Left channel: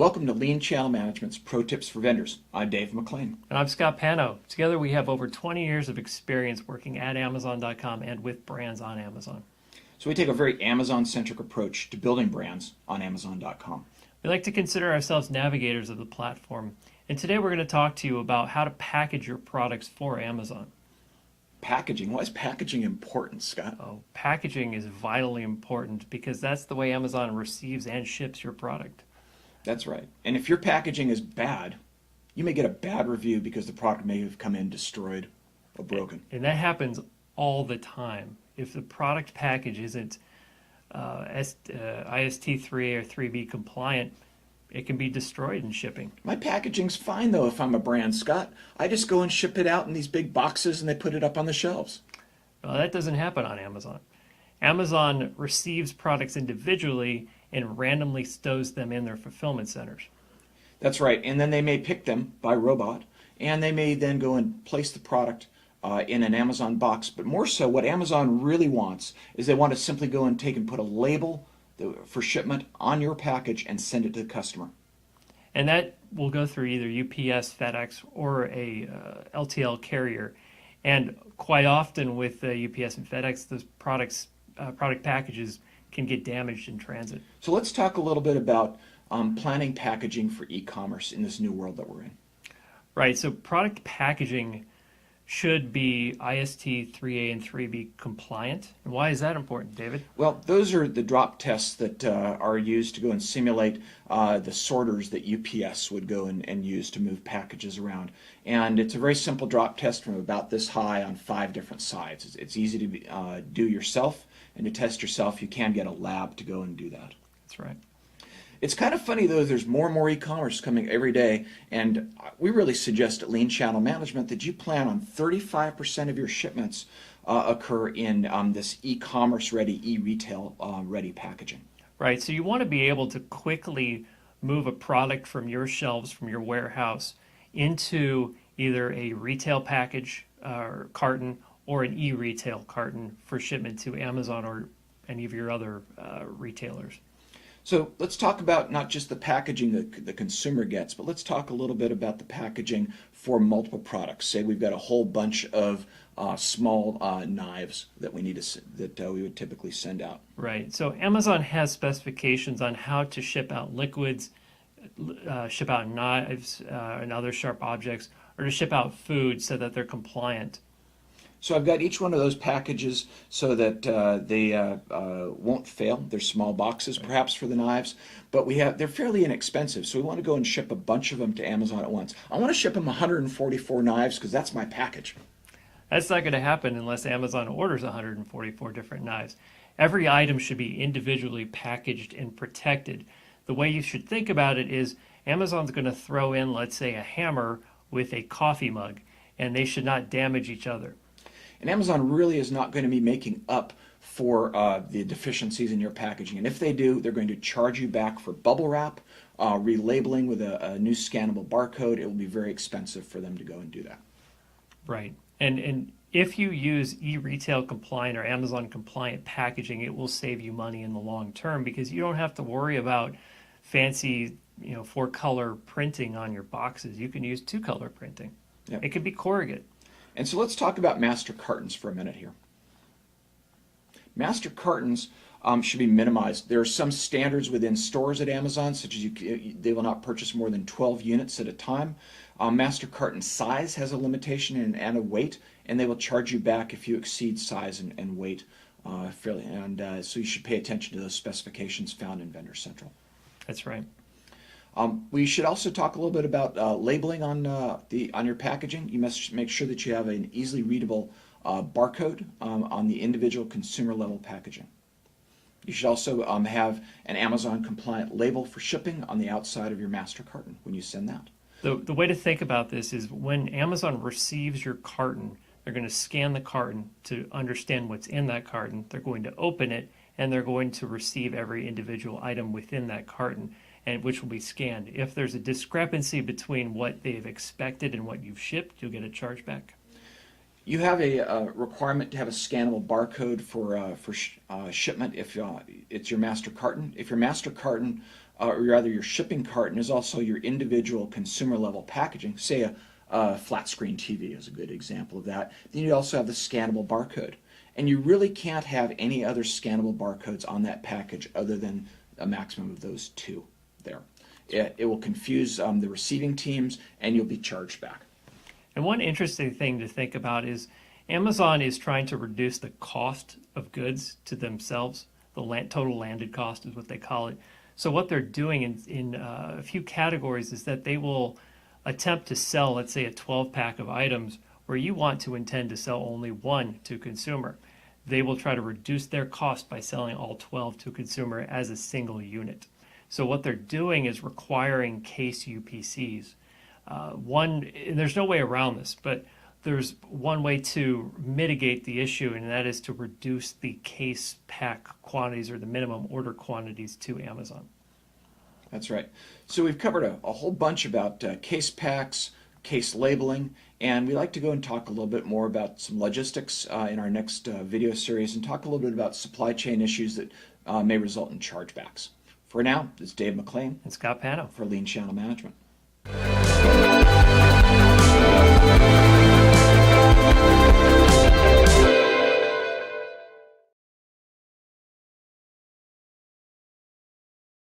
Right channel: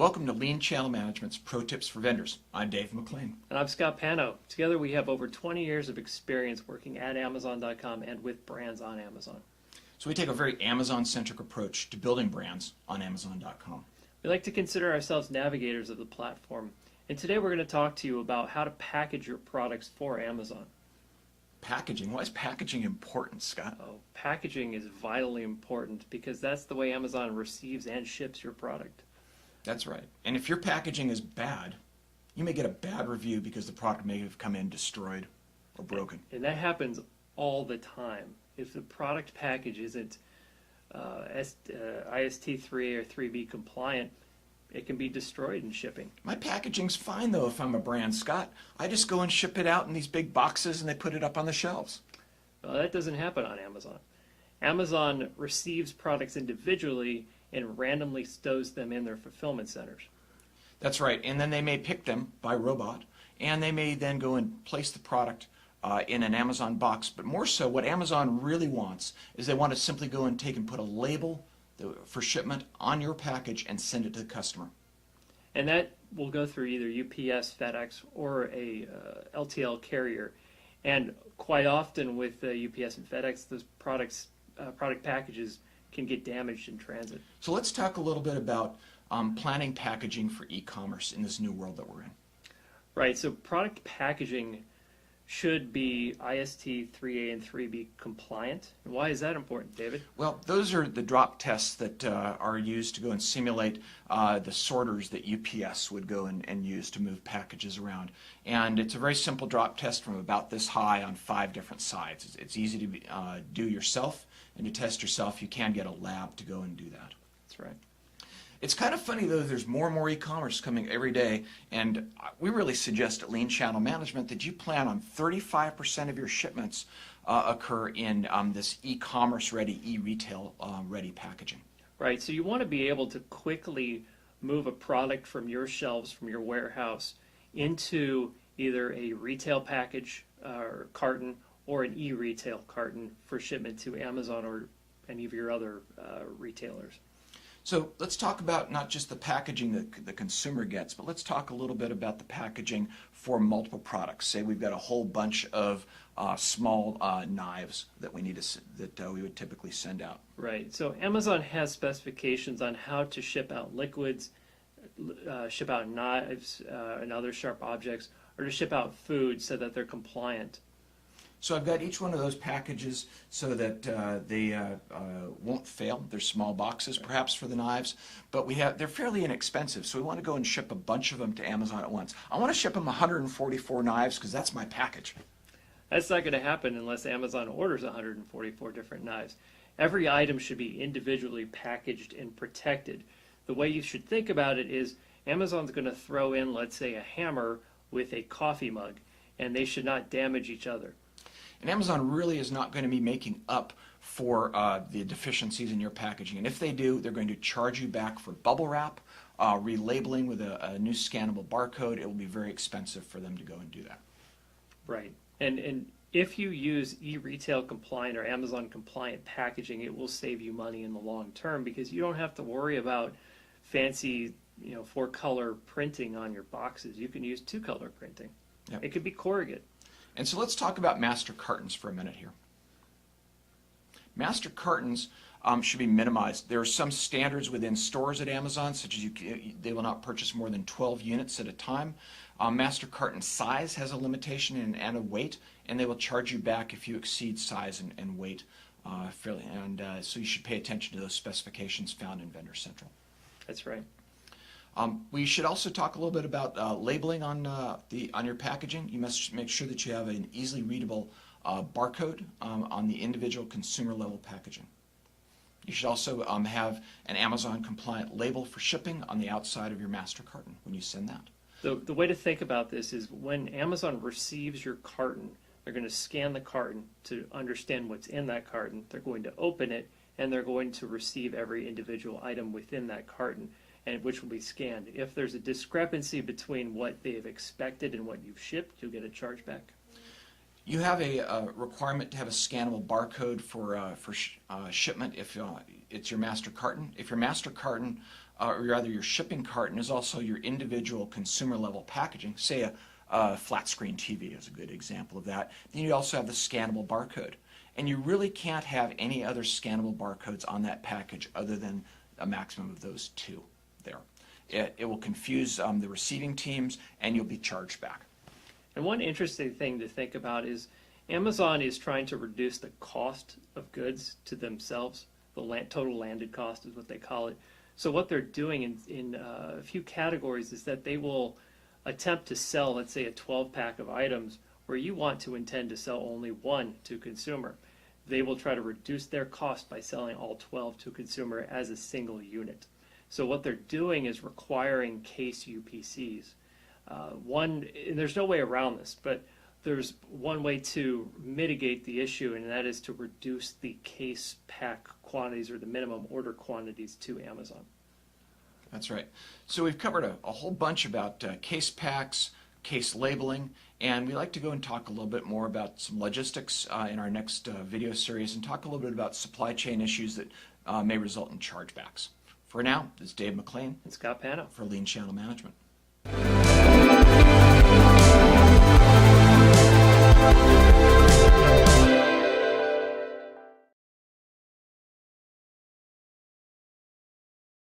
Welcome to Lean Channel Management's Pro Tips for Vendors. I'm Dave McLean. And I'm Scott Pano. Together we have over 20 years of experience working at Amazon.com and with brands on Amazon. So we take a very Amazon-centric approach to building brands on Amazon.com. We like to consider ourselves navigators of the platform. And today we're going to talk to you about how to package your products for Amazon. Packaging. Why is packaging important, Scott? Packaging is vitally important because that's the way Amazon receives and ships your product. That's right. And if your packaging is bad, you may get a bad review because the product may have come in destroyed or broken. And that happens all the time. If the product package isn't IST3 or 3B compliant, it can be destroyed in shipping. My packaging's fine, though, if I'm a brand, Scott. I just go and ship it out in these big boxes and they put it up on the shelves. Well, that doesn't happen on Amazon. Amazon receives products individually and randomly stows them in their fulfillment centers. That's right. And then they may pick them by robot, and they may then go and place the product in an Amazon box. But more so, what Amazon really wants is they want to simply go and take and put a label for shipment on your package and send it to the customer. And that will go through either UPS, FedEx, or a LTL carrier. And quite often with UPS and FedEx, those product packages can get damaged in transit. So let's talk a little bit about planning packaging for e-commerce in this new world that we're in. Right, so product packaging should be IST 3A and 3B compliant. And why is that important, David? Well, those are the drop tests that are used to go and simulate the sorters that UPS would go and use to move packages around. And it's a very simple drop test from about this high on 5 different sides. It's easy to do yourself, and to test yourself, you can get a lab to go and do that. That's right. It's kind of funny, though, there's more and more e-commerce coming every day, and we really suggest at Lean Channel Management that you plan on 35% of your shipments occur in this e-commerce ready, e-retail ready packaging. Right, so you want to be able to quickly move a product from your shelves, from your warehouse, into either a retail package or carton or an e-retail carton for shipment to Amazon or any of your other retailers. So let's talk about not just the packaging that the consumer gets, but let's talk a little bit about the packaging for multiple products. Say we've got a whole bunch of small knives that we need to we would typically send out. Right. So Amazon has specifications on how to ship out liquids, ship out knives and other sharp objects, or to ship out food so that they're compliant. So I've got each one of those packages so that they won't fail. They're small boxes, perhaps, for the knives, but they're fairly inexpensive, so we want to go and ship a bunch of them to Amazon at once. I want to ship them 144 knives because that's my package. That's not going to happen unless Amazon orders 144 different knives. Every item should be individually packaged and protected. The way you should think about it is Amazon's going to throw in, let's say, a hammer with a coffee mug, and they should not damage each other. And Amazon really is not going to be making up for the deficiencies in your packaging. And if they do, they're going to charge you back for bubble wrap, relabeling with a new scannable barcode. It will be very expensive for them to go and do that. Right. And if you use e-retail compliant or Amazon compliant packaging, it will save you money in the long term because you don't have to worry about fancy, 4-color printing on your boxes. You can use 2-color printing. Yep. It could be corrugate. And so let's talk about master cartons for a minute here. Master cartons should be minimized. There are some standards within stores at Amazon, such as they will not purchase more than 12 units at a time. Master carton size has a limitation and a weight, and they will charge you back if you exceed size and weight fairly. And so you should pay attention to those specifications found in Vendor Central. That's right. We should also talk a little bit about labeling on your packaging. You must make sure that you have an easily readable barcode on the individual consumer level packaging. You should also have an Amazon compliant label for shipping on the outside of your master carton when you send that. The way to think about this is when Amazon receives your carton, they're going to scan the carton to understand what's in that carton. They're going to open it, and they're going to receive every individual item within that carton, and which will be scanned. If there's a discrepancy between what they've expected and what you've shipped, you'll get a chargeback. You have a requirement to have a scannable barcode for shipment if it's your master carton. If your master carton or rather your shipping carton, is also your individual consumer level packaging. Say a flat screen TV is a good example of that. Then you also have the scannable barcode. And you really can't have any other scannable barcodes on that package other than a maximum of those two there. It will confuse the receiving teams, and you'll be charged back. And one interesting thing to think about is Amazon is trying to reduce the cost of goods to themselves. The total landed cost is what they call it. So what they're doing in a few categories is that they will attempt to sell, let's say, a 12-pack of items where you want to intend to sell only one to consumer. They will try to reduce their cost by selling all 12 to consumer as a single unit. So what they're doing is requiring case UPCs. And there's no way around this, but there's one way to mitigate the issue, and that is to reduce the case pack quantities or the minimum order quantities to Amazon. That's right. So we've covered a whole bunch about case packs, case labeling, and we like to go and talk a little bit more about some logistics in our next video series, and talk a little bit about supply chain issues that may result in chargebacks. For now, this is Dave McLean And Scott Pano. for Lean Channel Management.